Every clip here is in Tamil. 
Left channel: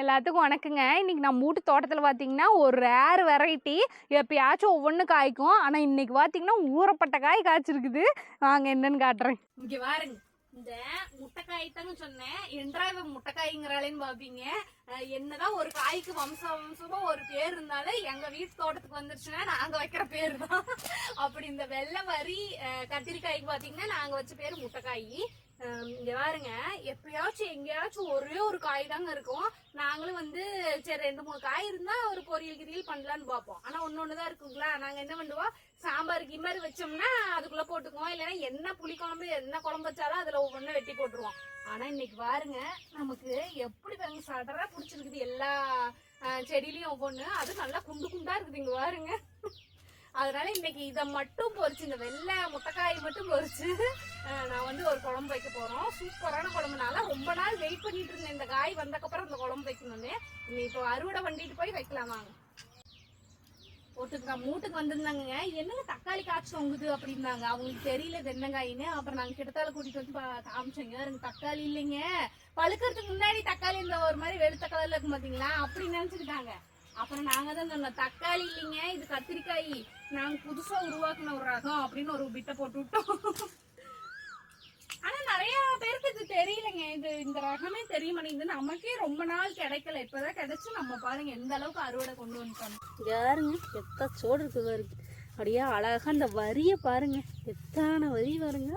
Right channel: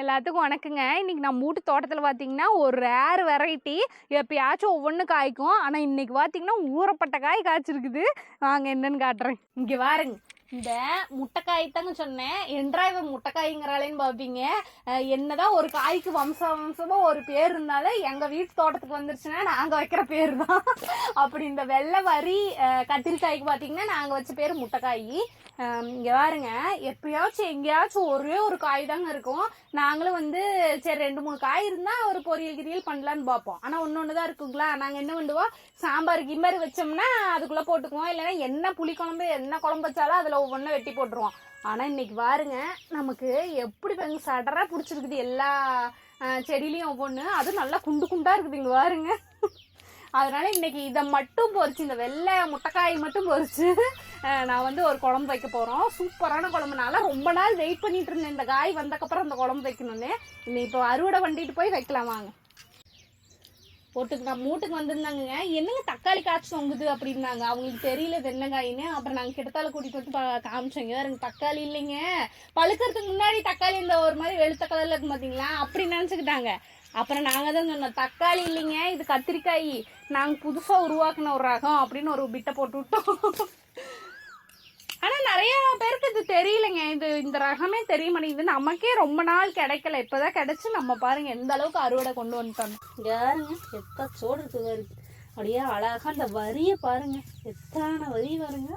எல்லாத்துக்கும் வணக்கங்க. இன்னைக்கு நம்ம வீட்டு தோட்டத்தில் பார்த்தீங்கன்னா ஒரு ரேர் வெரைட்டி எப்பயாச்சும் ஒவ்வொன்று காய்க்கும். ஆனால் இன்னைக்கு பார்த்தீங்கன்னா ஊறப்பட்ட காய் காய்ச்சிருக்குது. வாங்க என்னன்னு காட்டுறேன். இங்கே பாருங்க, இந்த முட்டைக்காய் தாங்க சொன்னேன். என்றா இவன் முட்டைக்காய்ங்கிறாளேன்னு பார்ப்பீங்க. என்னதான் ஒரு காய்க்கு வம்சமா ஒரு பேர் இருந்தாலும் எங்கள் வீட்டு தோட்டத்துக்கு வந்துருச்சுன்னா நாங்கள் வைக்கிற பேர் தான். அப்படி இந்த வெள்ளை வரி கத்திரிக்காய்க்கு பார்த்தீங்கன்னா நாங்கள் வச்ச பேர் முட்டைக்காய். இங்கே பாருங்க, எப்பயாச்சும் எங்கேயாச்சும் ஒரே ஒரு காய் தாங்க இருக்கும். நாங்களும் வந்து சரி 2-3 காய் இருந்தால் ஒரு பொரியல் பண்ணலான்னு பார்ப்போம். ஆனால் ஒன்று தான் இருக்குங்களா, நாங்கள் என்ன பண்ணுவோம், சாம்பார் கிம்பார் வச்சோம்னா அதுக்குள்ளே போட்டுக்குவோம். இல்லைன்னா என்ன புளிக்குழம்பு என்ன குழம்பு வச்சாலும் அதில் ஒவ்வொன்றும் வெட்டி போட்டுருவோம். ஆனால் இன்னைக்கு பாருங்க, நமக்கு எப்படி பாருங்க சடராக பிடிச்சிருக்குது எல்லா செடியிலையும் ஒவ்வொன்று. அதுவும் நல்லா குண்டு குண்டாக இருக்குது இங்கே பாருங்க. அதனால இன்னைக்கு இதை மட்டும் பொறிச்சு, இந்த வெள்ளை முட்டைக்காய் மட்டும் பொறிச்சு நான் வந்து ஒரு குழம்பு வைக்க போகிறோம். சூப்பரான குழம்புனால ரொம்ப நாள் வெயிட் பண்ணிட்டு இருந்தேன் இந்த காய் வந்தக்கப்புறம் அந்த குழம்பு வைக்கணும்னு. இன்னைக்கு இப்போ அறுவடை பண்ணிட்டு போய் வைக்கலாம் வாங்க. போட்டுக்கலாம். மூட்டுக்கு வந்திருந்தாங்க, என்னங்க தக்காளி காய்ச்சி தொங்குது அப்படின்னாங்க. அவங்களுக்கு தெரியல இது என்ன காயின்னு. அப்புறம் நாங்கள் கிட்டத்தால கூட்டிட்டு வந்து காமிச்சோங்க. எனக்கு தக்காளி இல்லைங்க, பழுக்கிறதுக்கு முன்னாடி தக்காளி இந்த ஒரு மாதிரி வெளுத்த கலர்ல இருக்கு பார்த்தீங்களா, அப்படி நினச்சிக்கிட்டாங்க. அப்புறம் நாங்கள் தான் சொன்னோம், தக்காளி இல்லைங்க இது கத்திரிக்காய், நாங்கள் புதுசாக உருவாக்குன ஒரு ரகம் அப்படின்னு ஒரு பிட்டை போட்டு விட்டோம். ஆனால் நிறைய பேருக்கு இது தெரியலைங்க, இந்த ரகமே தெரிய மாட்டேங்குது. நமக்கே ரொம்ப நாள் கிடைக்கல, இப்போதான் கிடைச்சி நம்ம பாருங்க எந்த அளவுக்கு அறுவடை கொண்டு வந்துட்டோம். யாருங்க எத்தனை சோடு இருக்குது பாருங்க, அப்படியே அழகா அந்த வரியை பாருங்க, எத்தனை வரி பாருங்க,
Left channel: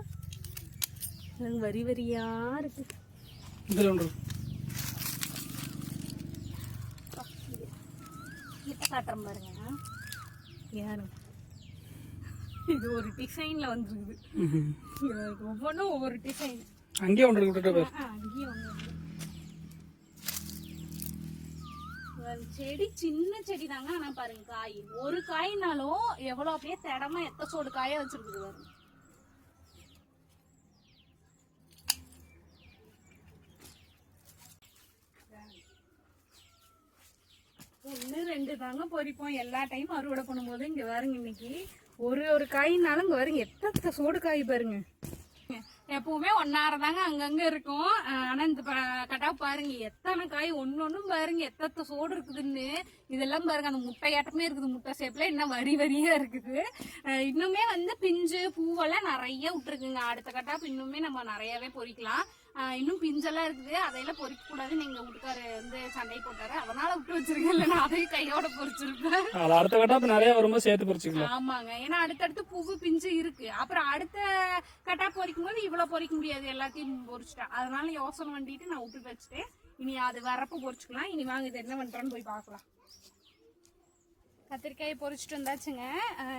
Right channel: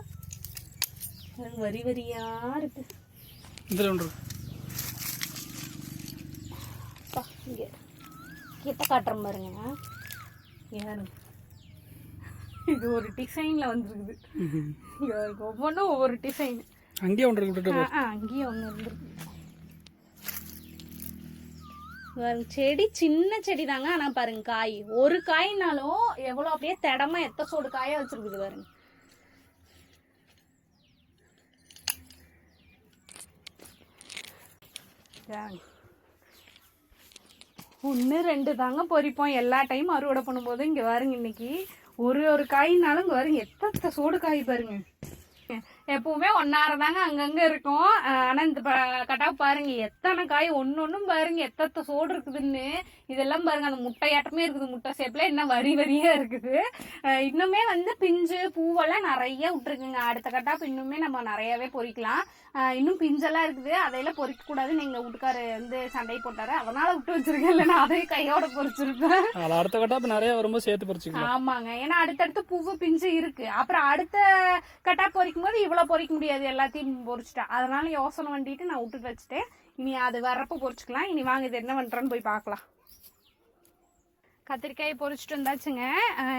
வரி வரியா இருக்கு. இப்ப காட்டுறேன் பாருங்க, இது ஒரு டிசைன்ல வந்துருக்குது. ஒவ்வொன்றும் ஒவ்வொரு டிசைன். அங்கேயே ஒன்று அங்கேயே ஒன்று இருக்கு. செடி சின்ன செடி தாங்க, ஆனா பாருங்க காய் ஒரு காய்னாலும் எவ்வளவு அப்படியே திடமா எத்த சோடு காய வச்சிருக்குது பாருங்க. ஒன்று 2 தாங்க பொறிப்போம் எல்லா டைம் அறுவடை பண்ணும்போது. இங்கே பாருங்க, இன்னைக்கு ஒரு காயினாலும் இங்கே பாருங்க எத்தனை சோடு காய் பாருங்க. எப்பவுமே ஒன்னாரதாங்க அங்கங்க இருக்கும். ஆனா இந்த கட்டாவை பாருங்க எத்தனை காய், ஒன்னும் பாருங்க எத்தனை சோடு இருக்குதுன்னு. இதெல்லாம் பாருங்க அந்த முட்டையாட்டமே இருக்குது, முட்டை சேப்ல இன்னும் வரி வரியா இருக்குது. இன்னுமே வந்து பிஞ்சு பூவெல்லாம் நிறைய விட்டுருக்குங்க. அடுத்த கட்டாப்பு இன்னுமே நம்ம நிறையவே பொறிக்கலாம். இன்னும் பிஞ்செல்லாம் இருக்குது, அதையெல்லாம் பொறிக்க கூடாதுன்னு எங்க வீட்டுக்காரு வந்து சண்டை போட்டாரு, அதனால விட்டு வச்சிருக்கேன். இல்லைன்னா அதையும் கையோட பொறிச்சிருப்பேன். அடுத்த கட்டாப்பு நிறைய வரும்போது சேர்த்து பொறிச்சுக்கலாம். ஆமாங்க, ஏன்னா அடுத்தடுத்து பூவு பிஞ்சு இருக்கு. அப்புறம் அடுத்த கட்டா பொறிக்கும் போது இவ்வளவு பொறிக்க முடியாது, எல்லாத்தையும் பொறிச்சிட்டேன். அதனால யோசனை பண்ணிட்டு நான் விட்டுட்டு வச்சுட்டேன். இனி அது வர்றப்ப பொறிச்சுக்கலாம். இனி வாங்க இது என்ன பண்றேன்னு போய் பார்க்கலாம். கத்திரிக்காயை பொறிச்சிட்டு வந்தாச்சுங்க.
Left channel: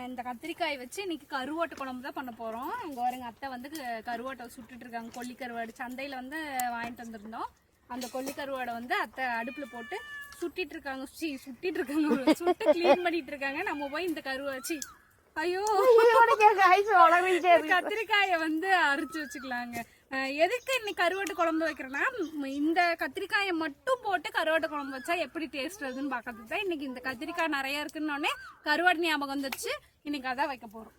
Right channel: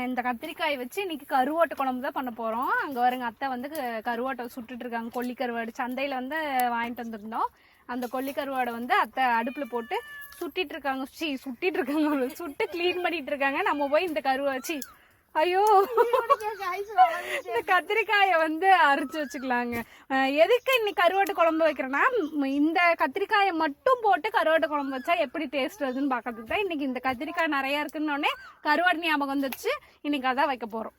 இந்த கத்திரிக்காயை வச்சு இன்னைக்கு கருவாட்டு குழம்பு தான் பண்ண போகிறோம். அங்கே வருங்க அத்தை வந்து கருவாட்டை சுட்டுட்டு இருக்காங்க. கொல்லி கருவாடு சந்தையில் வந்து வாங்கிட்டு வந்திருந்தோம். அந்த கொல்லி கருவாடை வந்து அத்தை அடுப்பில் போட்டு சுட்டிட்டு இருக்காங்க. சுட்டு கிளீன் பண்ணிட்டு இருக்காங்க. நம்ம போய் இந்த கருவாச்சி ஐயோ கத்திரிக்காயை வந்து அரைச்சு வச்சுக்கலாங்க. எதுக்கு இன்னைக்கு கருவாட்டு குழம்பு வைக்கிறேன்னா, இந்த கத்திரிக்காயை மட்டும் போட்டு கருவாட்டு குழம்பு வச்சா எப்படி டேஸ்ட் வருதுன்னு பார்க்கறதுக்கு தான். இன்னைக்கு இந்த கத்திரிக்காய் நிறைய இருக்குன்னொடனே கருவாடு ஞாபகம் வந்துச்சு. இன்னைக்கு அதான் வைக்க போறோம்.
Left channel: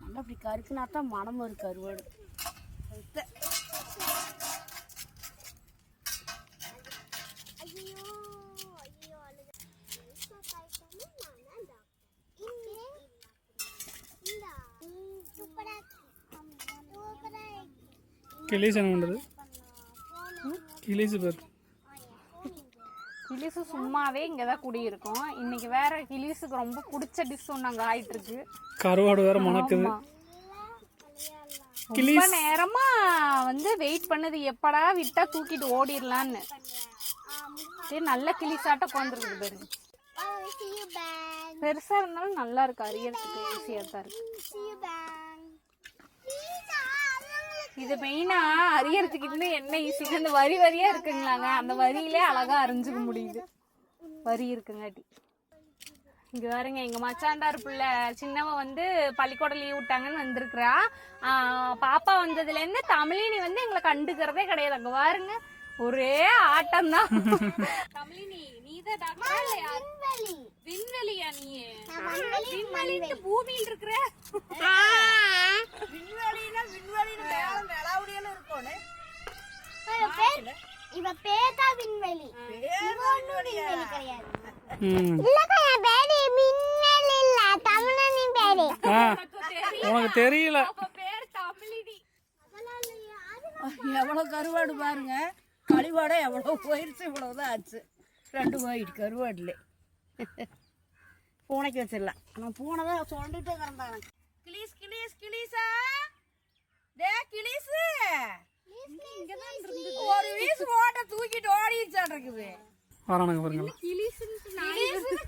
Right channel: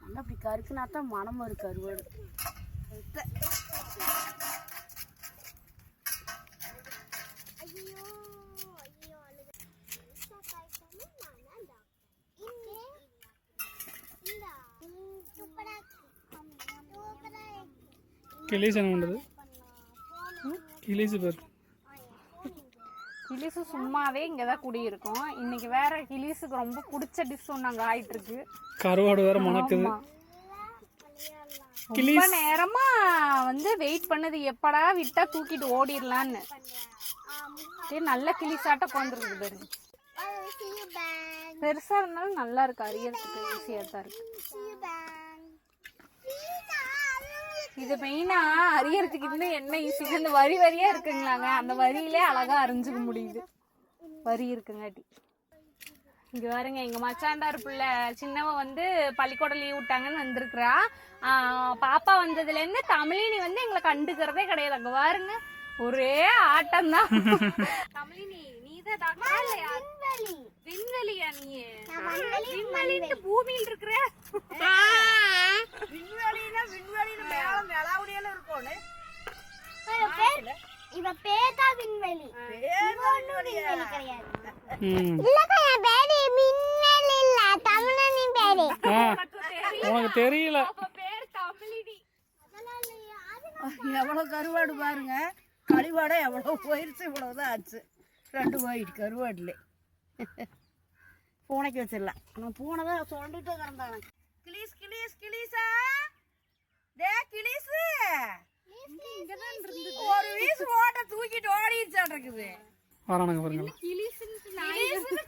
நல்லா அப்படி கருக்குனா தான் மனம் வரும் கருவாடு. கிளிசு சும்மாவே இங்கதான் குடியிருக்கும். இன்னைக்கு வேற கிளிசுக்கு ரொம்ப பிடிச்ச டிஷ் ஒண்ணு ஆயிட்டு இருக்கு. கருவாடு வேற மணக்குது. ரொம்ப நேரமா வந்து வெயிட் பண்ணது, எப்படா விட்டா தூக்கிட்டு ஓடிடலான்னு. நல்ல கிளிசாட்ட உட்காந்துருக்குது பாருங்க. பெருசா இருந்தாலும் நல்லா இருக்கு, அரியறதுக்கு ஈஸியா தான் இருக்கு. இது மெயினா அரியறதுக்கு இன்னும் என்ன ஈஸி, அந்த வரி வரியா இருக்குங்களாங்க, அந்த வரியிலே அழகா அரிஞ்சுக்க முடியுது. வரி இருக்குங்காட்டி. இங்க பாருங்க, எங்க மச்சாண்டார் பிள்ளை சின்னவ வந்து பள்ளிக்கூடம் லீவ் விட்டாங்கன்னு வந்திருக்கிறா. பாப்பா வந்ததுல இருந்து தமிழினி வந்து எங்களை கண்டுக்கிறதே கிடையாது. அங்க பாருங்க ஒரே ஆட்டம் தான். தமிழினி நீதான் விண்வெளியா? நீ விண்வெளிட்டு பூமியில் இருக்கிற விண்வெளினா விண்வெளியில மேல நிலாவுடியில இருக்கோன்னு இவ பேதா விண்வெளி. இவ ஒண்ணும் விண்வெளி கிடையாது. இல்லக்கா என் பேரு மின்னல் இல்ல தமிழனின் பேரு. உனக்கு தெரியல. எவ்வளோ கருவாடு பாருங்க. கழிவாடை எவ்வளோ போயிடுச்சு, இவ்வளோதான் ஆச்சு. 2 போயிட்டு கருவாடுல பூனைக்கு வச்சிடலாம். ஆனால் பூனை தான் சொல்லிட்டு கிடந்தாங்க. கிளீஸ் கிளீஸ் கிளீஸா டே கிளீஸு ஒரு வீசு ஓட்ட தூக்கிட்டு ஓடிச்சான் இருக்குது. வரானுங்க பாருங்க.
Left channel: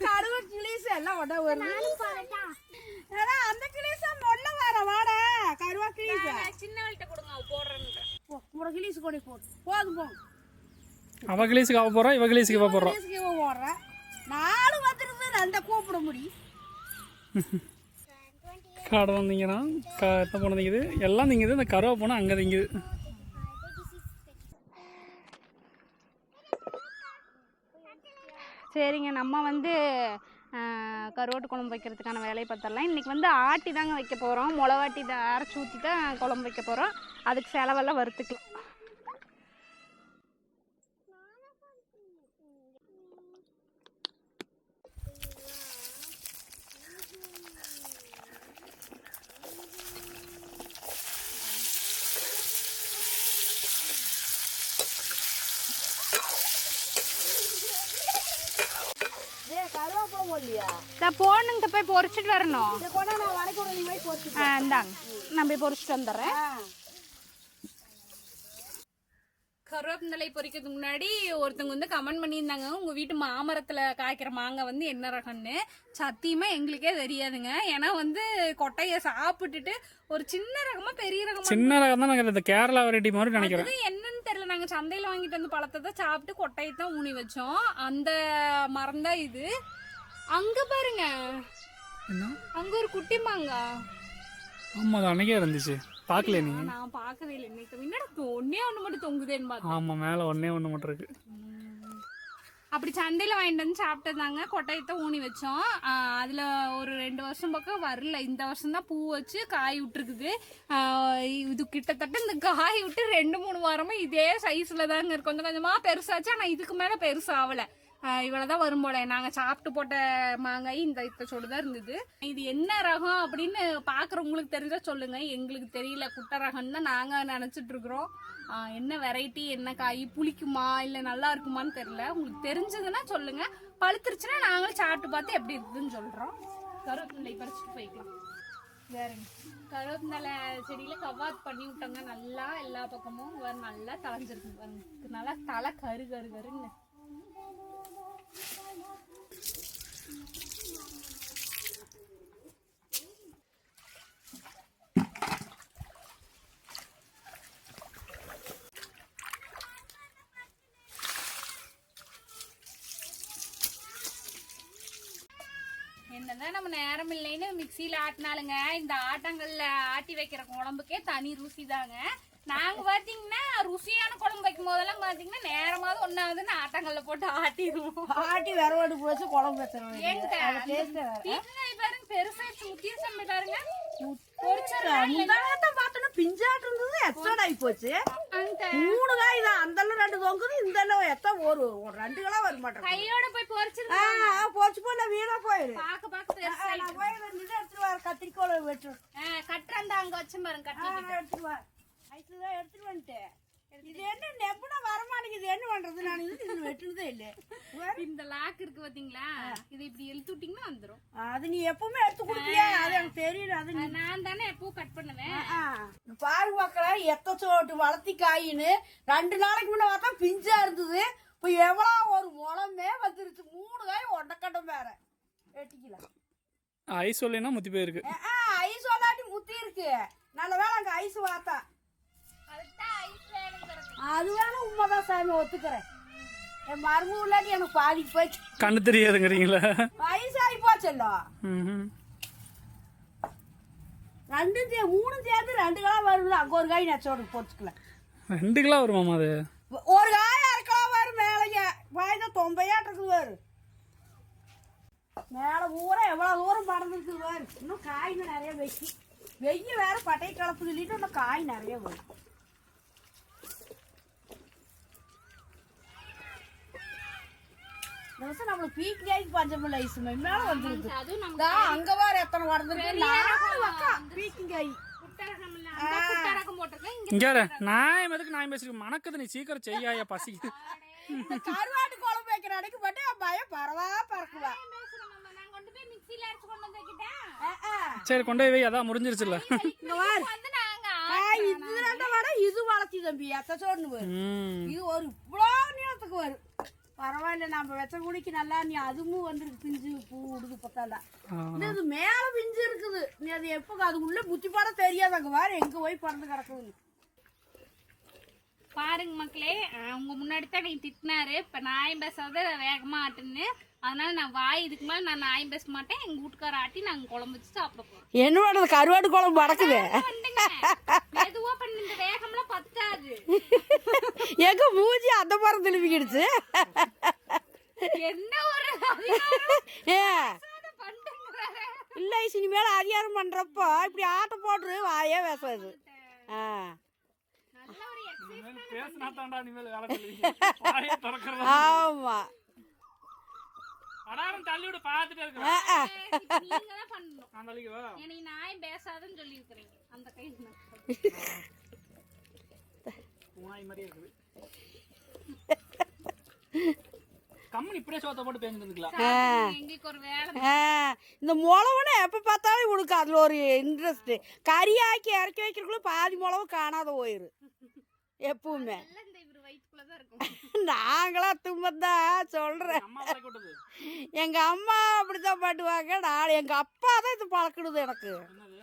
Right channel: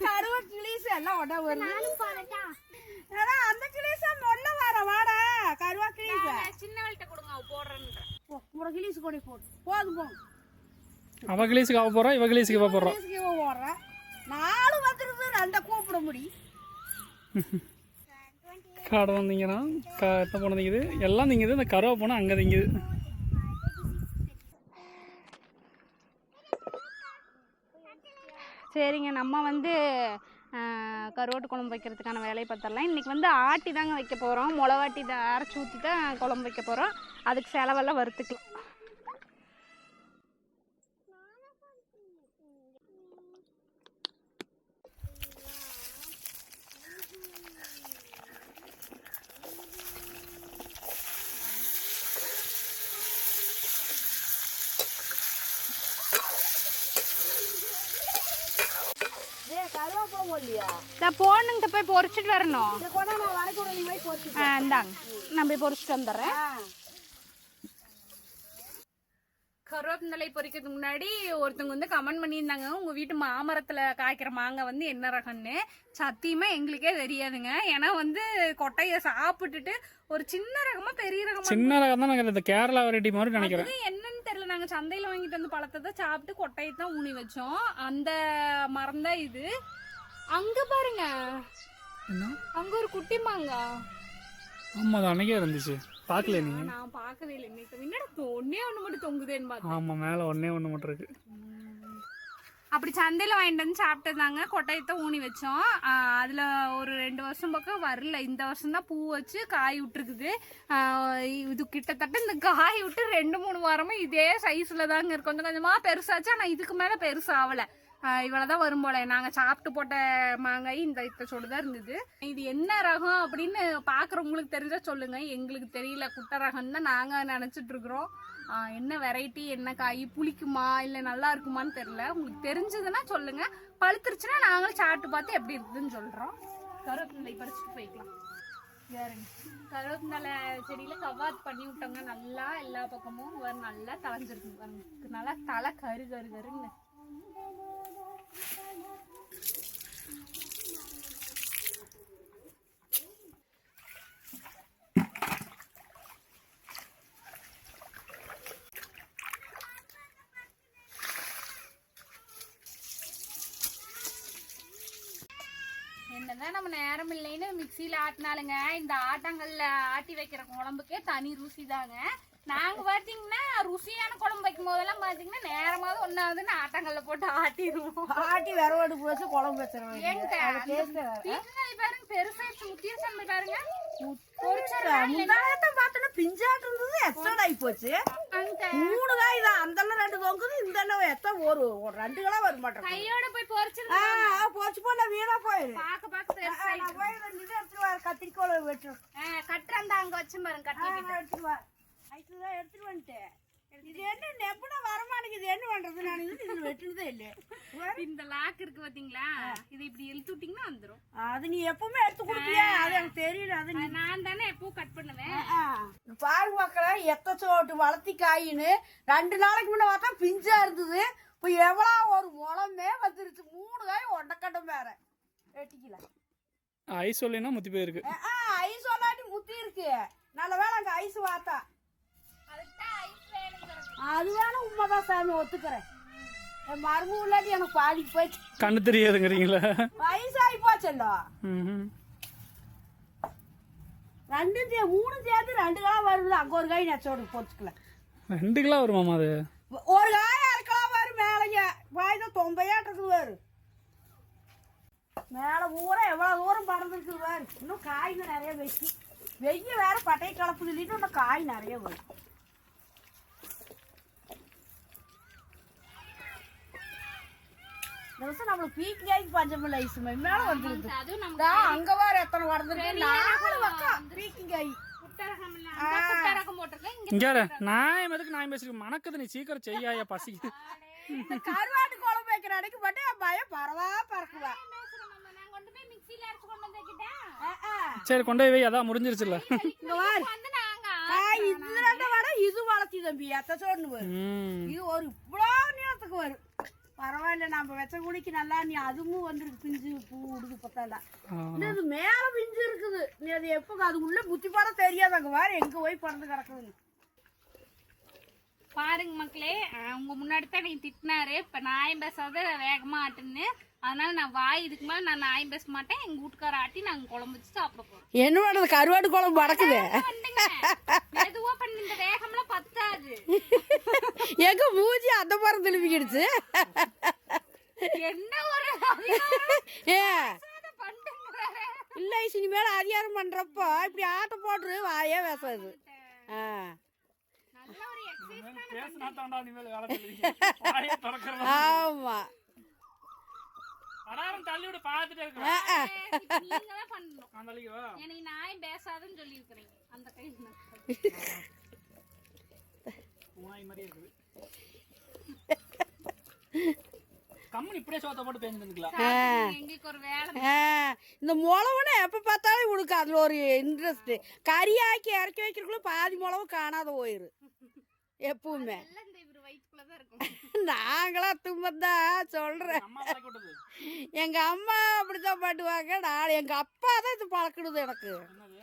கருவாடு கிளீஸ் எல்லாம் ஒன்றா வருது. அந்த கிளீஸா மொல்ல வர வாடா கருவா கிளீஸ் சின்ன போடுற கிளீஸ் கொடி போடு போதும் போகும். அவ கிளீஸுக்கு அவ போறா, இவ கிளீஸுக்கு இவ போடுறா. போடுறேன் 4 வந்துருது. 2 கூப்பிட முடியும். காடை வந்தீங்கன்னா எத்தனை போன திங்குது, எல்லாம் திங்குது. இந்த கருவா போனால் அங்கே திங்குது. சரிங்க, நம்ம வந்து கருவாட்டு குழம்பு வைக்கிறதுக்கான வேலையை பார்த்துடலாம். இன்றைக்கி வந்து ஆட்டி தாங்க வைக்க போகிறோம். மிளகாட்டி அரைச்சி ஊற்றி தான் குழம்பு வைக்க போகிறோம். அதுக்கு செலவெல்லாம் வறுத்துக்கலாம். போடணுங்க, போய் பொரிச்சிட்டு வரணும். இந்தாங்க, நான் போய் பொரிச்சிட்டு வந்துடுறேன். கருவேப்பிலை பொரிக்கிறதுக்கு முன்னாடி ஒருத்தவங்க வந்து கமெண்ட் பண்ணியிருந்தாங்க, உங்கள் வீட்டு மாமரத்தில் காய்க்கிற மாங்காய் வந்து என்ன ரகம்னு. சத்தியமாக எங்களுக்கே தெரியாதுங்க. ஏன்னா வந்து கொட்டையை சாப்பிட்டுட்டு ஒரு சின்ன ரகமா பெரிய ரகமா, சின்ன ரகம் தான் நாங்கள் இந்த கேரளா வெரைட்டி மாதிரி நினைக்கிறேன். என்னன்னு தெரியல. நாங்கள் சந்தையில் வாங்கிட்டு வந்து பழத்தை தான் சாப்பிட்டு கொட்டையை தான் ஊனி வச்சோம். அந்த மரம் தான் இது. அங்க பாருங்க, அங்க ஒரு குட்டி மாங்காய். ஆமா, அது அன்னைக்கே இருந்துச்சு. பாக்கல நீ? நான் பார்க்கவே இல்லை. இன்னைக்கு ஒன்னே ஒண்ணு மட்டும் தொங்குதேன்னு பார்த்தேன். ஆமா, மேல ஒன்னே ஒண்ணு மட்டும் இருக்கு. அப்படி சந்தையில் வாங்கிட்டு வந்து சாப்பிட்டதாங்க. கொட்டையத்தை ஊனி வச்சோம். அதில் ஒரு 2 வருஷம் பக்கம் வரல. இந்த வருஷம் தான் பூ வச்சு காய் விட்டுருக்குது. இது கிட்டத்தட்ட இந்த காய் விட்டு 2-3 வாரமாக இதே சைஸில் தாங்க இருக்கு. கொஞ்சம் கொஞ்சமாக பெருசாச்சு. ஆனால் இதுக்கு மேலே பெருசாகலை. இவ்வளோதான் வரும் போல. நாங்கள் சாப்பிட்டு போட்ட மாங்காய் இந்த இத்தச்சோடு தான் இருந்தது. இது என்ன ரகம் அப்படின்னு பார்க்குறவங்களுக்கு தெரிஞ்சா சொல்லுங்க. எங்களுக்கு தெரியல. குட்டை ரகம் தான் நாங்கள் நினச்சிட்டு இருக்கிறோம். என்ன வெரைட்டி, என்ன காய், புளிக்குமா இல்லை நல்லா இருக்குமான்னு தெரியல. உங்களுக்கு தெரிஞ்சதுன்னா சொல்லுங்க. பழுத்துருச்சுன்னா நாங்களும் சாப்பிட்டு பார்த்து எப்படி இருக்குதுன்னு சொல்கிறோம். கருவேப்பிலை பறிச்சுட்டு போய்க்கலாம். வேறுங்க, கருவேப்பிலை செடியில் கவாத் பண்ணி விட்டோங்க. நல்லா எல்லா பக்கமும் நல்லா தளைஞ்சிருக்கு பாருங்க. நல்லா தலை கரு கரு கருங்க. என்னதான் நம்ம நேரம் இல்லைன்னு மிக்சியில் ஆட்டினாலுங்க, இந்த ஆட்டாங்கல்ல ஆட்டி வைக்கிற குழம்புக்கே தனி ருசி தாங்க. நாங்க பாத்தீங்கன்னா ருசியான குழம்பு வைக்கும் போதெல்லாம் பாத்தீங்கன்னா நேரமாவது ஒன்னாவதுன்னு ஆட்டாங்கல்ல போட்டு ஆட்டிடுவோம். ஆட்டி விரவாடு போச்சு குழம்பு வச்சிருவோம். பாருங்க பெருசா முத்திருச்சம் பாருங்க. பார்த்தோன்னா பிஞ்சாட்டு இருந்தது. எக்ஸ்ட்ரா ஆகி போச்சு. 3 காய் தான். அந்த 2 தொங்குது. இந்த எத்தனை ஒரு 2 கிலோ வர மாட்டேன். கையோட போய் பொறிச்சு போச்சு போ. நான் வீணா போயிரு. எடுத்துட்டு வர கத்திரிக்கோளை வெட்டு கட்டுறா அங்க வச்சு பாருங்க. கட்டி எடுத்துட்டு வா. எடுத்துட்டு வந்துட்டேன். இது என்ன நெப்புனா வரமாட்டேங்குது. என்ன பண்றது? நான் இது வெட்டுனதே இல்லை. இந்த லாக் இருக்கு பாத்தீங்களா, இதை இப்படி இழுத்து விட்டீங்கன்னா வந்துடும். அது நீ எப்பவுமே எடுத்து கொடுப்பியா? அது எனக்கு தெரியல. அது நான் தானே எப்பவும் கட் பண்ணுவேன். பாரு மக்களை, எத்தச்சோட்டு வளர்த்தி காயின்னு 2 நாளைக்கு முன்ன பார்த்தா பிஞ்சா இருந்தது. இப்போ எவ்வளோ ஒரு முளமே வந்துருச்சு. 3 காய் ஒண்டக்கட்டம் வேற வெட்டிக்கலாம். ஐஸ் சொல்லினா முத்தி போயிருக்கு. ஐஸ் சொல்லாட்டி முத்தி இருக்கு. நல்ல வேலை அங்க ஐஸ் வாத்தா. அது வேணா உண்மைதான் சாமி, ஒத்துக்கிறேன். என் மருமு இல்லாட்டி எனக்கு பாதிக்கு போச்சு. கண்ணு தெரியாதுங்கிறீங்களா? வயசாகி போச்சல்லோ. 3 சேர்த்து 2 கிலோ வருது. அங்க ஒரு காய் நச்சோடு போச்சுக்கலாம். 2 கிலோ வருமாமா? அது ஒரு காய் 1/2 கிலோ வரும். மேலைங்க வாய்தான் 90 இருக்குது வரும். மேலே பூரா எவ்வளோ தூரம் பறந்துருக்குது பாரு. இன்னும் காய்ங்க நிறைய வைக்கி. வெய்ய வேற பட்டை கலப்பு சொல்லிட்டு இன்னும் காய் நிறைய வரும். வருஷம் நம்மளுக்கு பீக்கிங்காய்க்கு பஞ்சம் இல்லை ஐஸ் மேல வந்துருது. அதுவும் நம்ம இதா அங்க வேற எத்தனை வளர்ந்துருக்கு பீக்கிங்காய். குட்டரகம் போட்டிருக்கேன். இங்க நான் எதுக்கு நான் பேசிருக்கேன் மணக்குது நீ சீக்கிரம் செய்யாயா பசிக்குது. கருவாட்டு குழம்பு வைக்கிற அன்னைக்கு மட்டும் என் பையன் பரவா பறக்குவா. நான் கொண்டு போய் மிக்ஸில அரைச்சு கொண்டு வந்து வைக்கிட்டேன். சரி கொண்டு போய் அதான் முடிஞ்சிருச்சுல்ல. வந்து நாங்க இதுல வேற இது வளர்த்தி தம்பி எத்தோன்னு வரும். ம் இது ஒரு இவ்வளோ நேரத்துக்கு வரும். பரவாயில்ல நம்ம வெச்ச குடிக்கு நல்லா நீ அதுவும் வந்துருக்கு பிஞ்சு பூ விடுது பத்தாண்டா. இது மேல பிஞ்சு இருக்குது. நீ அது எப்போ அது உள்ள புத்தி பாட தெரியாது. அங்க வேற எங்க போய் பறந்து கிடக்குதுன்னு பாருங்க மக்களே, உங்க முன்னாடி தான் நீ திட்டினாரு. இப்ப நாயம் பேசாத வேகமா ஆட்டுன்னு. அதனால நான் வாய் இதுக்கு மேல நான் நாயம் பேச மாட்டேன். எங்க வீட்டுக்கார ஆட்டி நாங்க குழம்பு வச்சு சாப்பிட போறோம். என்னோட கருவாட்டு குழம்பு பறக்குது. மெதுவா பண்ணி இந்த வேகம்லாம் பத்தாது. எங்க மூஞ்சி அந்த பறம் திரும்பிக்கிடுச்சு. என்ன ஒரு இல்ல இனிமேல அதிகாரம் பண்றப்போ இப்படி ஆட்ட போட்டு வாயே பேசாது. நல்ல ஒரு எக்ஸசைஸ். பேசினா தாண்டா இனிமேல் வேலை சொல்லுவீங்க. வாயை திறக்கறதா. ஆமா அடாரம் தள்ளி விட பாத்துட்டே இருக்கு. நீங்க தான் பண்ணணும். அந்த அழிக்கு வா. எனக்கு நாயம் பேசாதுன்னு சொல்லி இருக்கிறீங்க. அந்த கையில பூனாய் மாதிரி இருக்குது. கம்மன் இப்படியே சோத்த போட்டு பேசிருந்துக்கலாம். எங்களுக்கு ஒரு வேலை. இந்த முளவுன்னு எப்ப பார்த்தாலும் உனக்கு அதுல ஒரு இன்ட்ரெஸ்ட். கறியாக்கி இறக்கி வைக்கிறக்குள்ள பாதி முளவு காணாத போயிரு எப்பவுமே. இந்த இவரு வயிற்றுக்குள்ளதான் இருக்கும். நாங்களா தும்பதான் சொல்றேன். அம்மா வளர்க்க விட்டது. எங்க அம்மா அப்படித்தான் பாட்டுவாங்க. நான் எங்க அப்பா தான் இது பழக்கிடுது எனக்கு. என்னது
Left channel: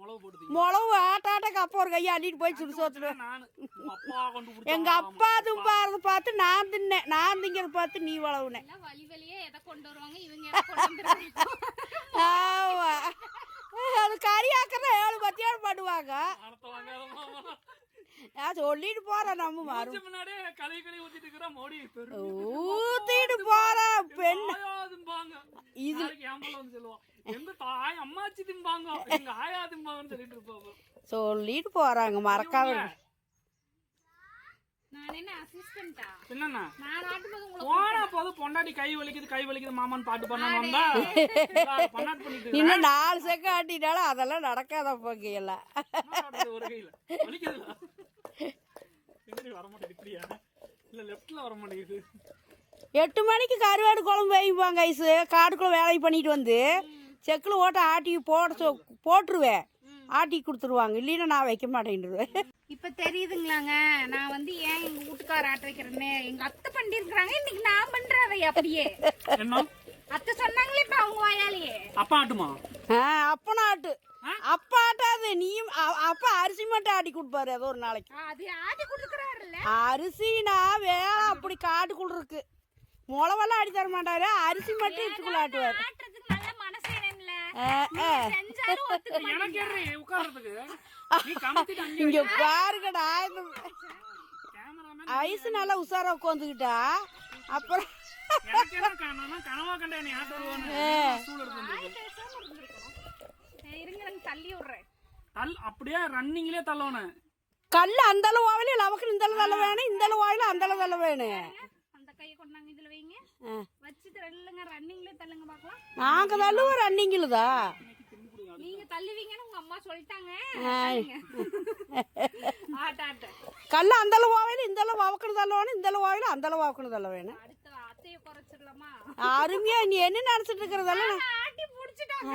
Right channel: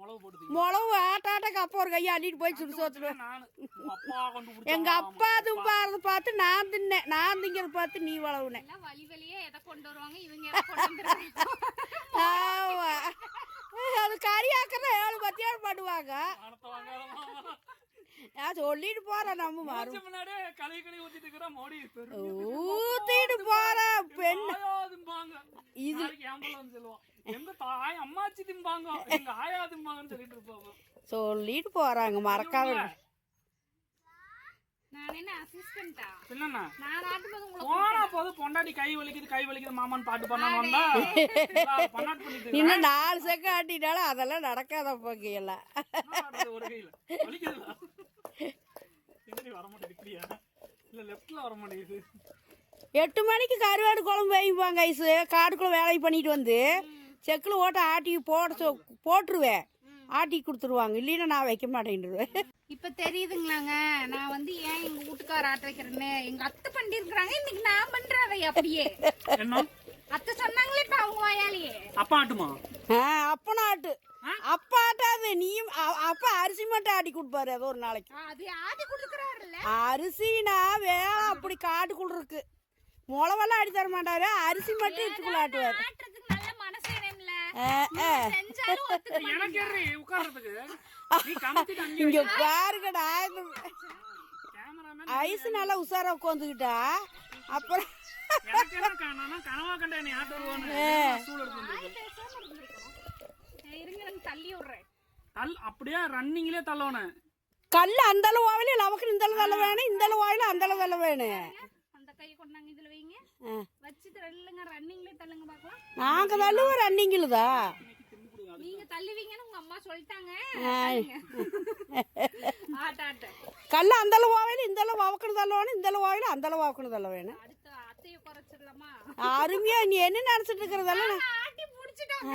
முளவு போட்டு முளவு ஆட்டாட்டாக்கு அப்பா ஒரு கையை அள்ளிட்டு போய் சுடு சோத்துடுவேன். நானு அப்பா கொண்டு கொடுத்தா எங்க அப்பா தும்பாரத பார்த்து நான் தின்னேன். நான் திங்கிறத பார்த்து நீ வளவுனேன். வழி வழியே எதை கொண்டு வருவாங்க இவங்க எதை கொண்டு வந்துருவாங்க. ஆமா அது கறியாக்குறத 7 10 பண்ணுவாங்க. அடுத்த வாங்காதமா. நான் சொல்லிட்டு போறேன். நம்ம மாறும் முன்னாடியே கலை ஊத்திட்டு இருக்கிற மோடி ஊத்திட்டு போற பெண் திம்பாங்க. இது கேம்பல வந்து சொல்லுவான் எங்க தாய் அம்மாச்சி திம்பாங்க எங்க ஆயா திம்பாங்கன்னு சொல்லிட்டு இருப்பாங்க. சொல்லிட்டு போறாங்க மறக்காம. நான் என்ன அசிஸ்டன்ட்டா? என்னண்ணா நான் ஆட்டும்போது உங்களுக்கு போனா போது பொண்டாட்டி கை வலிக்குது மாமான்னு பாட்டு பண்ணாம வந்தா பண்ணாட்டு பண்ணிட்டு இன்னும் 4 செகண்ட் ஆட்டினாலும் அதெல்லாம் நடக்காத போங்க எல்லாம். ஒரு கையில வலிக்குதுல எப்படி வர மாட்டேங்குது. இப்படியா இல்ல லெப்ட்ல வர மாட்டேங்குது. 8 மணிக்கு கருவாடு குழம்பு வைப்பாங்க ஐஸு. காட்டுக்குள்ள வேலை பண்ணிட்டு வந்து செக்கில் ஓட்ட ஆட்டி போட்டுருவேன். ஆட்டி கொடுத்துருவாங்க. இல்லைன்னா நான் வைக்க மாட்டேன்ருவேன். இப்ப தெரியுதுங்களாங்க நான் வந்து ஏன் எங்க வீட்டுக்கார ஆட்ட வைக்கிறேன்னு. எங்க அத்தை பண்ணிருக்காங்க. இன்னைக்கு நான் பண்றேன் அதை அப்படியே. என்ன அத்தை சொன்னாங்களே இப்ப அவங்க வாயாலேயே. அப்பா ஆட்டுமா? அப்பனா ஆட்டு. அப்பா ஆட்டாது. நீயும் அப்பா அரிசி மட்டும் ஆட்டி கொடுப்பாரு ஏதோ ஒரு நாளைக்கு. அது ஆட்டி கொடுக்குறாருல்ல. அரிசினா வேலை அப்படி காட்டுக்குள்ள இருக்கு. முளவெல்லாம் அடி தர மாட்டாரு. அரிசி மட்டும் இட்டுக்குள்ள ஆட்டுவாரு. ஆட்டுறதுக்கு நல்ல மனசு வேணும்ல. செஞ்சாலும் ஒத்துக்க எனக்கு ஏறி உட்கார்றதுக்கு நீ கமத்திட்டு அங்க இங்க பாருங்கடா. கேமராமேன் ஐஸ் நல்லா உசாரா உட்காந்துக்கிட்டா அப்புறம் எனக்கு என்ன காணோம்னா கனவா கண்ட நீ ஆட்டு வருவானு ஸ்டூல் எடுத்து வந்திருக்கேன். இருங்க தள்ளி விடுறேன். அப்படியே ரன்னிங்லயே தள்ளவன கல்லு அந்த அளவு வாயில நமக்கு இந்த அளவு தள்ள வேணும். இந்த அளவு வாயில அந்த அளவு தள்ள வேணும். அந்த கையை கொண்டாங்க இதுல வைங்க. வச்சுட்டு ரெல்லுங்க ரன்னிங்லயே தள்ளுங்க பாக்கலாம். நாங்க தள்ளுவோம் ரன்னிங்ல தான். நீங்க தள்ளுவீங்கன்னு உங்க அம்மா சொல்லிட்டாங்க. ஆட்ட கல்லு அந்த அளவு வாயில இந்த அளவு வவக்கணும் தள்ள வேணும். இந்த அளவு வாயில அந்த அளவு வவக்கணும் தள்ள வேணும். அடுத்து அத்தைய குறைச்சிடலாமா? அருமையா நீ என்ன நினைச்சிட்டு இருக்கிறதெல்லாம் ஆட்டி புடிச்சிட்டாங்க.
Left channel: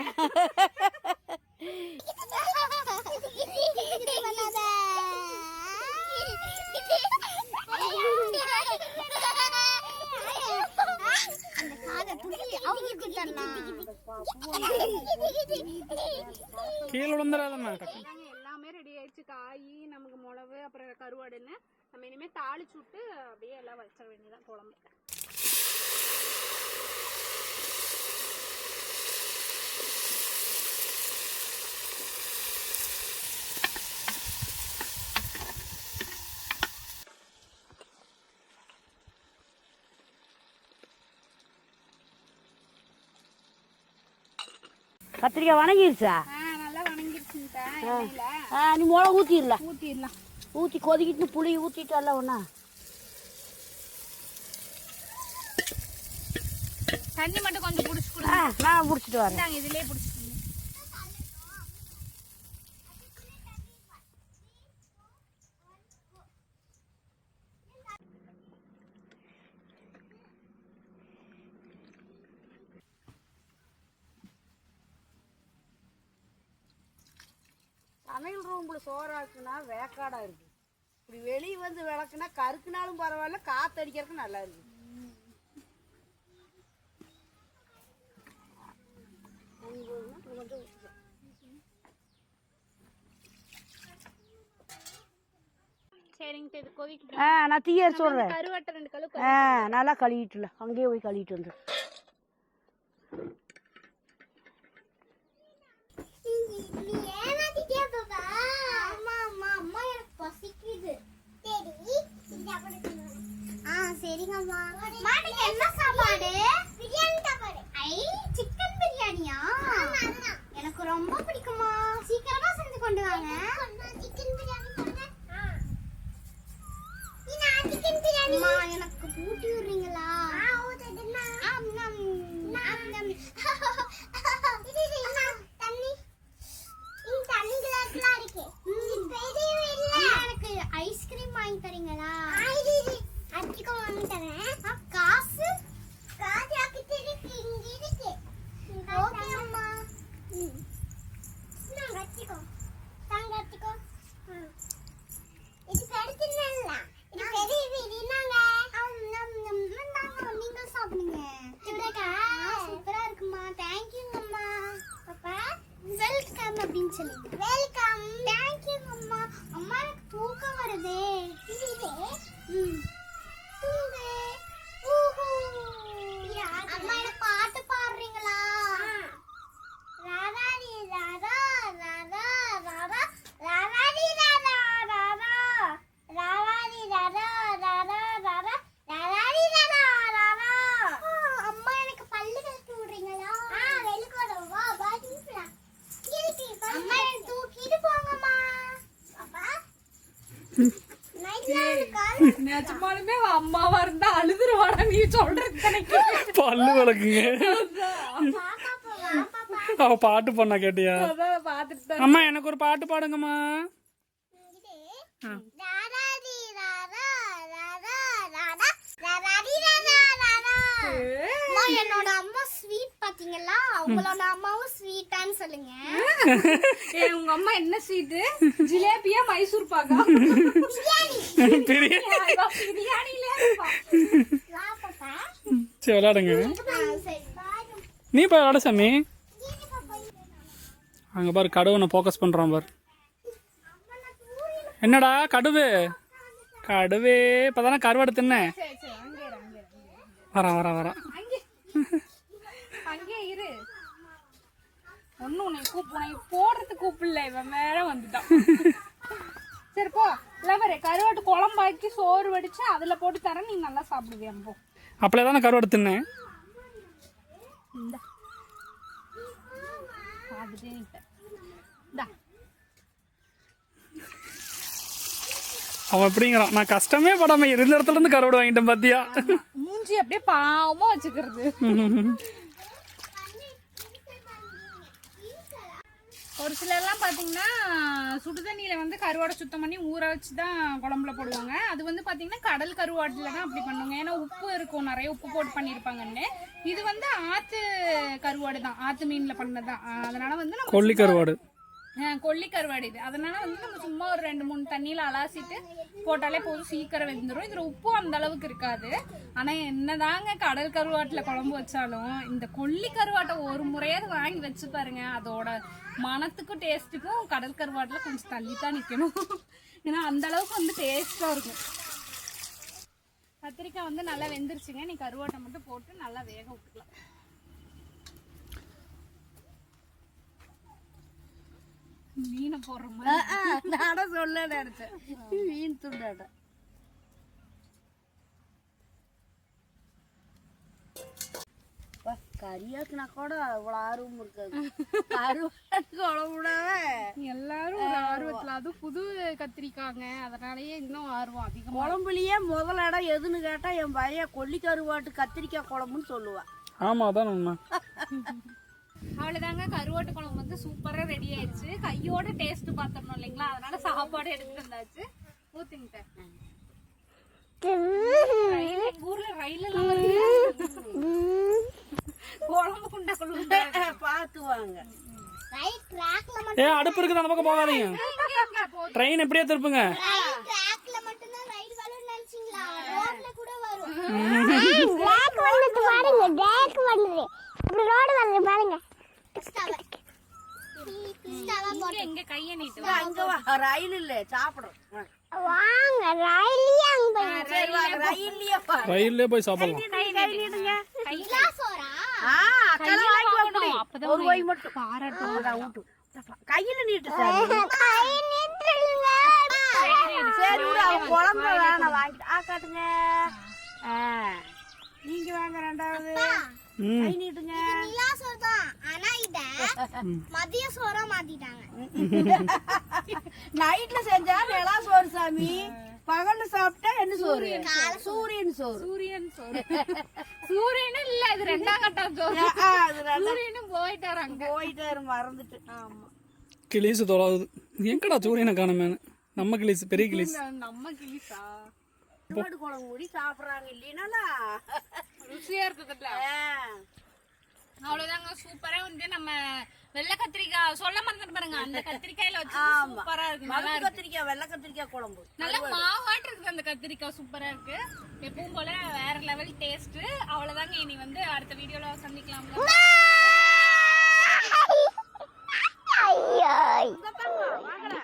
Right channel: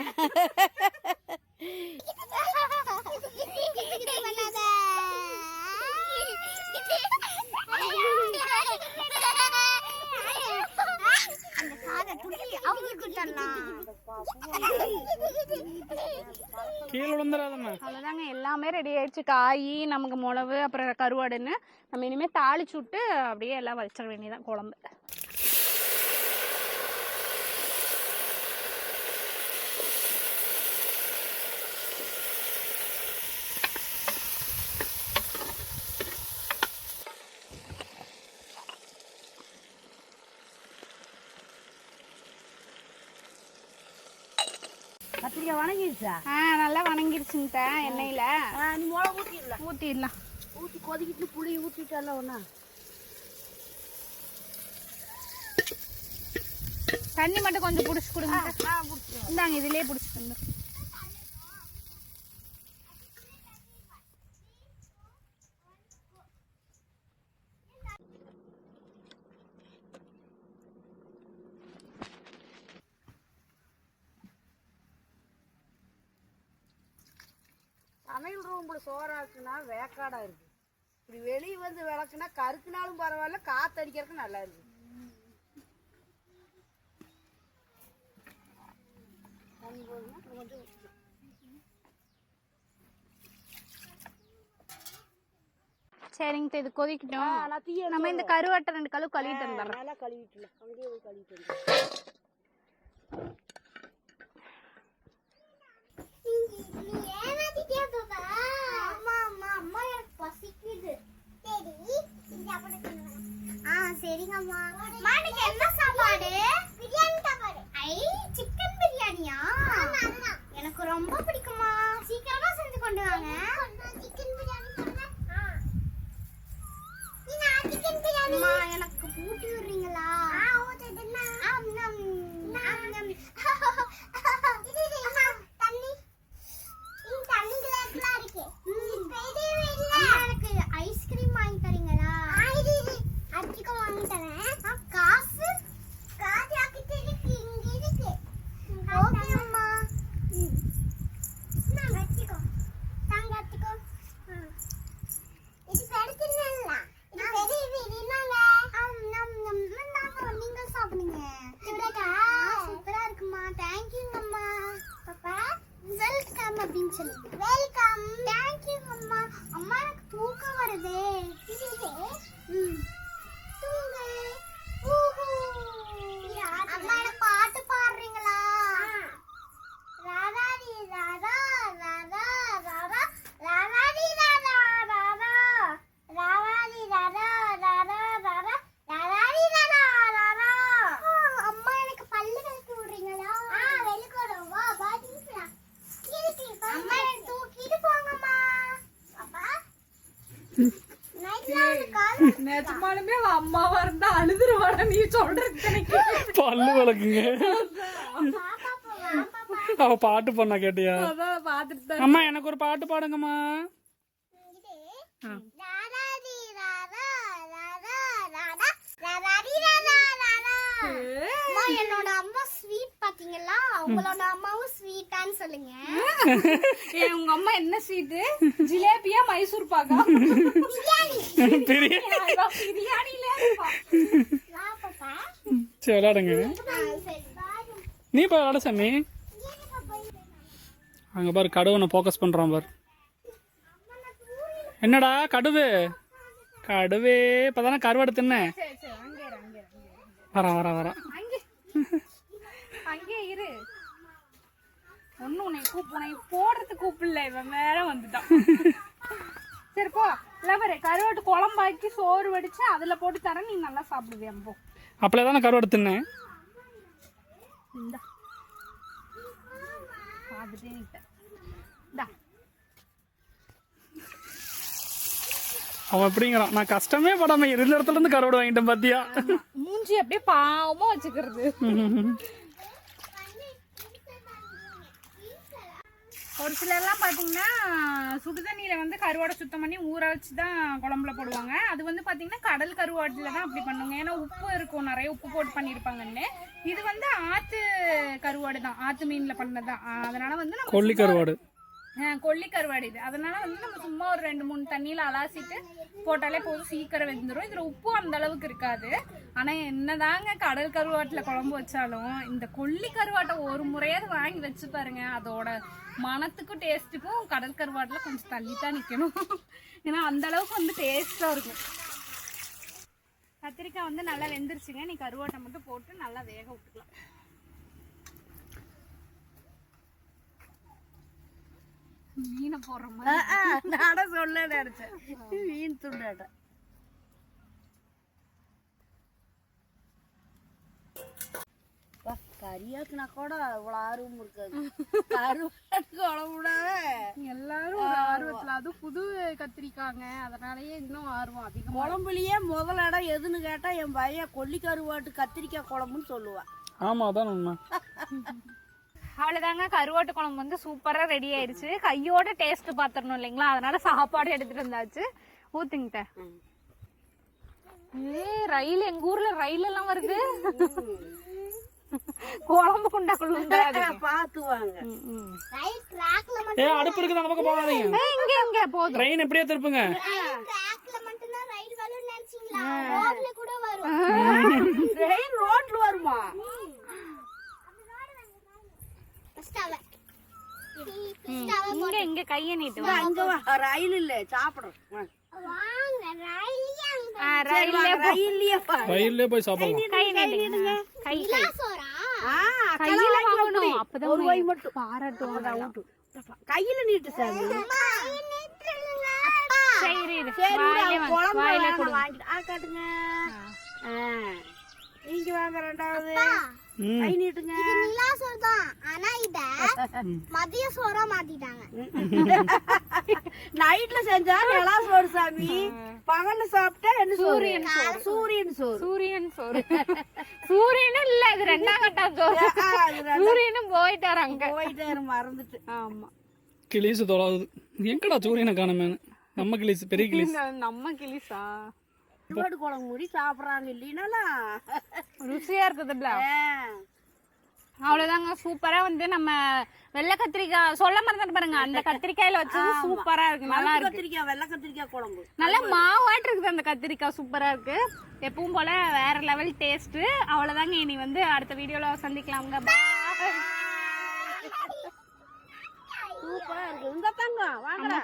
கீழே விழுந்துடாதம்மா. அவ்வளோதாங்க எல்லாமே ரெடி ஆயிடுச்சு. காய் நமக்கு மிளகு அப்புறம் கருவாடுன்னு நம்ம இனிமேல் தாளிச்சு விட்டு அப்படியே எல்லாம் வச்சிட வேண்டியதான் குழம்பு. கத்திரிக்காய் வணங்கிருச்சா? நல்லா வணங்கிருச்சுங்க எண்ணெயில. நீ மிளகு ஊத்திடலாம். ஊற்றிடலாம். ஊற்றி கொதிக்கிட்டு புளி ஊற்றிட்டல ஒன்றா. தண்ணி மட்டும் கொஞ்சம் புடிச்சு கொடுங்க. நான் முடிச்சிட்டு வரேன். இந்தாங்க இதுலயே புடிச்சுக்கோங்க. சமையல் ரூம்ல சோறாக்குனா வேக்காடா இருக்கு. இப்படி வெளியே வந்து விளக்குனா கருக்குனாலும் பரவாயில்ல, காத்தடிக்கிறதுக்கு நல்லா இருக்கு. சரிங்க, இது கொதிக்கிட்டோம். நான் தீய நம்ம இந்த சொல்றேன். கருவாட்டை 2 கழுவு கழுவி நல்லா கழுவிட்டுல அங்கேயே போய் கழுவிட்டு வந்து. நீ ஏமாத்திட்டே பாப்பா. அம்மா அம்மா அம்மா எனக்கு பசிக்குது. சரி இது சாப்பிட சொல்லுங்க. சரிங்கம்மா. மாட்டுக்கு என்ன சாப்பாடு? பிரியாணி சாப்பாடு. சிக்கன் பிரியாணியா? ஆமா அதுதான். எனக்கு ரொம்ப பிடிக்குமா. சீக்கிரமா செஞ்சு கொண்டு வாங்க. சிக்கன் பிரியாணி சொன்னேன். சிக்கன் பிரியாணி எனக்கு ஊட்டி விடுறீங்களா? ஊட்டிடுமா. தண்ணி தண்ணி கிளாஸ்லாம் இருக்கு. எனக்கு ஐஸ்கிரீம் வாங்கி தரீங்களா? அடிக்க வாங்கி தரேன். காசு காசு ஆக்கிட்டு இருக்கு. இங்க இருக்கு. ஓகே அம்மா. நான் கட்டிக்கோ. தாங்க கட்டிக்கோ. இது பெருத்துனல்ல. இது பெரிய வீடுனாங்க. நீங்க சாப்பிடுங்க. சூப்பரா இருக்குமா. தேங்க்யூங்கம்மா. பாப்பா வெல்கம் அப்படின்னு சொல்லுங்க. வெல்கம். தேங்க்யூங்கம்மா. அம்மா எனக்கு தூக்கம் வருதே. தூங்கு. அம்மா எனக்கு பாட்டு பாடுறீங்களா? ராதாடி ராதா ராதா ராதா ராதாடி ராதா ராதா ராதாடி ராதா ராதா ராதா ராதாடி ராதா ராதா. அம்மா எனக்கு பல்லு விளக்கி விடுறீங்களா? வெளிக்கோடும். வா பாட்டி அம்மா எனக்கு தூக்கிட்டு போங்கம்மா. பாப்பா நிஜமாலுமே அம்மாவா இருந்தா அழுதுருவாடா நீ சொல்றது. பல்லு விளக்குங்க. அவ பாட்டு பண்ணா கேட்டியா? அம்மா எனக்கு ஒரு பாட்டு பாடுங்கம்மா. என்னோட அம்மா ஸ்வீட் பாத்தீங்களா? உங்களோட அம்மாவும் ஸ்வீட்டான்னு சொல்லுங்க. உங்க அம்மா என்ன ஸ்வீட்? ஜிலேபியா மைசூர் பாக்கா? பிரியாணி. வா பாப்பா. சரி விளையாடுங்க. நீ போய் விளையாடு சாமி. அங்க பாரு கடுவனை ஃபோக்கஸ் பண்றான் பாரு. என்னடா கடுவு? கடுவே இப்பதானே கருவாடு தின்னேன். வரேன். அங்கே இரு. ஒன்னும் உன்னை போடுறது கூப்பிடல. இவன் மேல வந்துட்டான். சரி போ. இல்ல கருவாட்டு குழம்பாக்கி சோறு வடிச்சு அதுல போட்டு தரேன். நீ நல்லா சாப்பிடுவேன். போ. அப்படியே தானே கருவாடு தின்னேன். அவன் எப்படிங்கிறான்? நான் கஷ்டமே படாம இருந்த இடத்துல இருந்து கருவாடு வாங்கிட்டேன் பாத்தியா? மூஞ்சி அப்படியே பாவமா வச்சுக்கிறது. ஒரு சிலர்லாம் பார்த்தீங்கன்னா சுடுதண்ணியில் வந்து கருவாடை சுத்தம் பண்ணி ஊற வச்சு தான் குழம்புல போடுவாங்க. அது வந்து பார்த்தீங்கன்னா கடல் கருவாட்டில் தான் அப்படி பண்ணுவாங்க. ஏன்னா உப்பு இருக்கும், நிறைய உப்பு போட்டு பண்ணியிருப்பாங்கன்னு. இது வந்து ஆற்று கருவாடு தான், ஆற்று மீனில் பண்ணதான். அதனால வந்து நம்ம கொல்லி கருவாடு, கொல்லி கருவாடு இது. அதனால வந்து நம்ம சும்மா ஒரு 2-3 தண்ணியில் அலாசிட்டு போட்டாலே போதும், சீக்கிரம் வெந்துடும். இதில் உப்பும் அந்த அளவுக்கு இருக்காது. ஆனால் என்னதாங்க கடல் கருவாட்டில் குழம்பு வச்சாலும் இந்த கொல்லி கருவாட்டை ஒரு முறையாவது வாங்கி வச்சு பாருங்க. அதோட மனத்துக்கும் டேஸ்ட்டுக்கும் கடல் கருவாட்டில் கொஞ்சம் தள்ளி தான் நிற்கணும். ஏன்னா அந்த அளவுக்கு வந்து டேஸ்ட்டாக இருக்கும். கத்திரிக்காய் வந்து நல்லா வெந்துருச்சுங்க. நீ கருவாட்டை மட்டும் போட்டு நல்லா வேக விட்டுக்கலாம். மீனை போடுற மாதிரி நாட சொல்ல நினைச்சேன். மீன் துண்டாட்ட கறியாக்குனா கூட அவ்வளவு ஆர்வம் இருக்காது. கருவாட்டு குழம்புடாவே எல்லாரும் ஒரு ஆர்வத்துல, அது புது கத்திரிக்காங்க, அதனாலயே இன்னும் ஆர்வம் அதிகம். குழம்புலயே முதல் இடம் எதுன்னு கேட்டா என் பையன் கொல்லி கருவாட்டு கத்திரிக்காய் குழம்புன்னு சொல்லுவான். ஆமா அதான் உண்மை. அவ்வளோதாங்க, கருவாட்டு குழம்பு வந்து சூப்பரா ரெடி ஆயிடுச்சு. கையோட டேஸ்ட் பாத்திரணும் இல்லைங்களா, அதனால சாப்பாடு எடுத்துட்டு வந்தாச்சு. ஊத்துங்கிட்ட ரயில், எங்க ஊர்ல ரயில் எல்லாம் வருது. குழம்பு குண்டாக்குள்ள பார்த்து வாங்க. ரைட் ட்ராக்ல மட்டும் ஏ அடுப்பு இருக்குது அந்த பக்கம் போகாதீங்க. இங்க போதும். ட்ரெயின் எப்படியே திருப்புங்க. ட்ராக்ல மட்டும் தான் ரைட் வரும்னு நினைச்சீங்களா? ரோட்ல கூட வரும். ட்ராக் வந்து பாருங்க, ட்ராக் வருது. இப்படி ரோட் வருது பாருங்க. இங்க கைய நீட்டு அங்க வா, ரயில் இல்ல சாப்பிடும். வாங்க ரயிலே அங்க ரயில்லயே பாரு. ரயில்லே போய் சாப்பிடலாம். நிலா சோறா? ஒரு வாய் மட்டும் பாராட்டும். ஊட்டு. கையில நீட்டு சாமி. கை நீட்டுங்க. சரி விடு, அவ குழம்பு வேணாம் வாங்கிட்டு. காட்டுங்க. நீங்க வாங்க ரெண்டாவது. கை நீட்டுங்க. இது நிலா சோறு தான். ஆனா இத மதிய சோறா மாத்திட்டாங்க. நைட்ல செஞ்சா நிலா சோறு சாமி, பகல்ல சாப்பிட்டா என்ன சோறு? சூரியன் சோறு. சூரியன் சோறு. சூரியனும் இல்ல, இது ரெண்டாம் கட்டம் சோறு. சூரியனும் போயிட்டாரு அங்க. போயிட்டாரு, மறந்துட்டு. ஆமா, கிளீசு தொலாவுது. எங்கடா சூரியனை காணமேனு. நம்ம கிளீஸ், பெரிய கிளீஸ். நம்ம கிளிசா கருவாடு குழம்பு மூடி சாப்பிடுறாங்க இல்லைன்னா ருசியா இருக்குதுல்ல. அவ்வளவுதாங்க, சூப்பரா வந்து நம்ம வெள்ளை கத்திரிக்காய் சொல்ல மறந்துட்டு பாருங்க, அந்த கத்திரிக்காயில வச்சு சூப்பரா இருக்கு, நல்லா இருக்கு. கத்திரிக்காய், வெள்ளை கத்திரிக்காய் குழம்பு நல்லா மாவாட்டு இருக்குது அந்த கத்திரிக்காய், சூப்பரா இருக்கு. எப்பவும் போல வேற லெவல் டேஸ்ட். அவ்வளவுதாங்க, இனி வந்து அடுத்த வீடியோல சந்திக்கலாங்க. ஐயோ இந்த பாருங்க, வாங்க.